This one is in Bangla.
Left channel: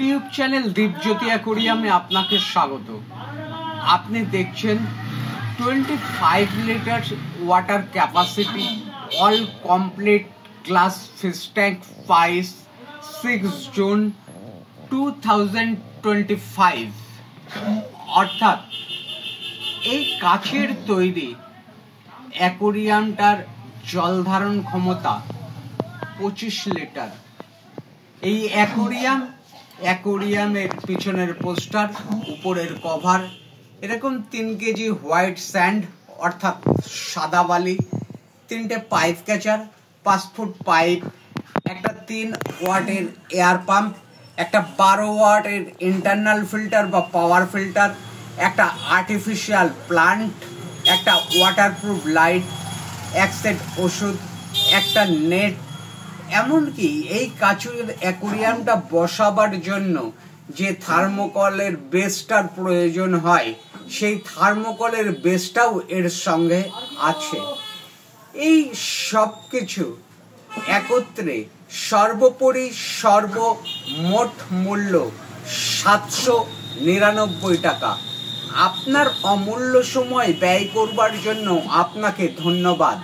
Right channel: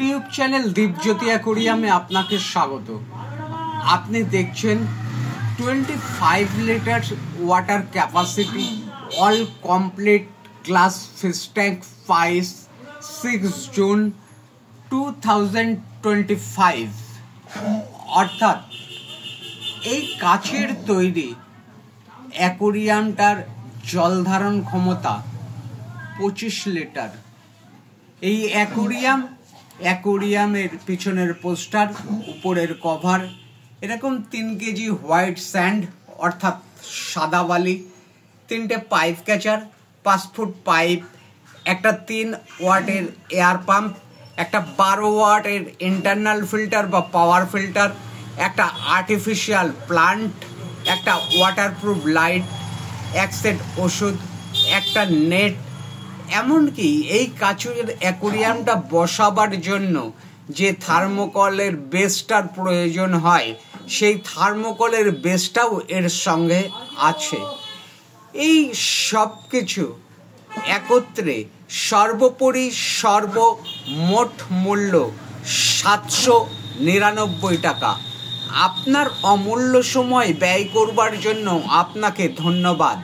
ইউটিউব চ্যানেল দীপজ্যোতি অ্যাকোরিয়ামে আপনাকে স্বাগত। আপনি দেখছেন 25 litre water capacity all complete glass fish tank 6 June 2025। অর্থাৎ এই কাচের তৈরি অ্যাকোরিয়ামটার জল ধারণ ক্ষমতা 25 লিটার। এই অ্যাকোরিয়ামের পিছনের পোস্টার, উপরের কভার, এরকম 3 কেজি হোয়াইট স্যান্ড অর্থাৎ সাদা বালি, 3টে পাইপ ক্যাচার, 5 ফুট পাইপ, একটা 3 ওয়াটের এয়ার পাম্প, একটা 12 ওয়াটের ইন্টারনাল ফিল্টার বা পাওয়ার ফিল্টার, একটা আর্টিফিশিয়াল প্লান্ট, একটা ওয়াটারপ্রুফ লাইট, এক সেট ওষুধ, একটা নেট, এমনকি এই কাচের অ্যাকোরিয়ামটা বসাবার জন্য যে থার্মোকলের বেসটার প্রয়োজন হয় সেই থার্মোকলের বেসটাও এর সঙ্গে আছে। এই সব কিছু একত্রে সর্বোপরি সর্বমোট মূল্য 799 টাকা। আপনার অমূল্য সময় ব্যয় করবার জন্য আপনাকে ধন্যবাদ।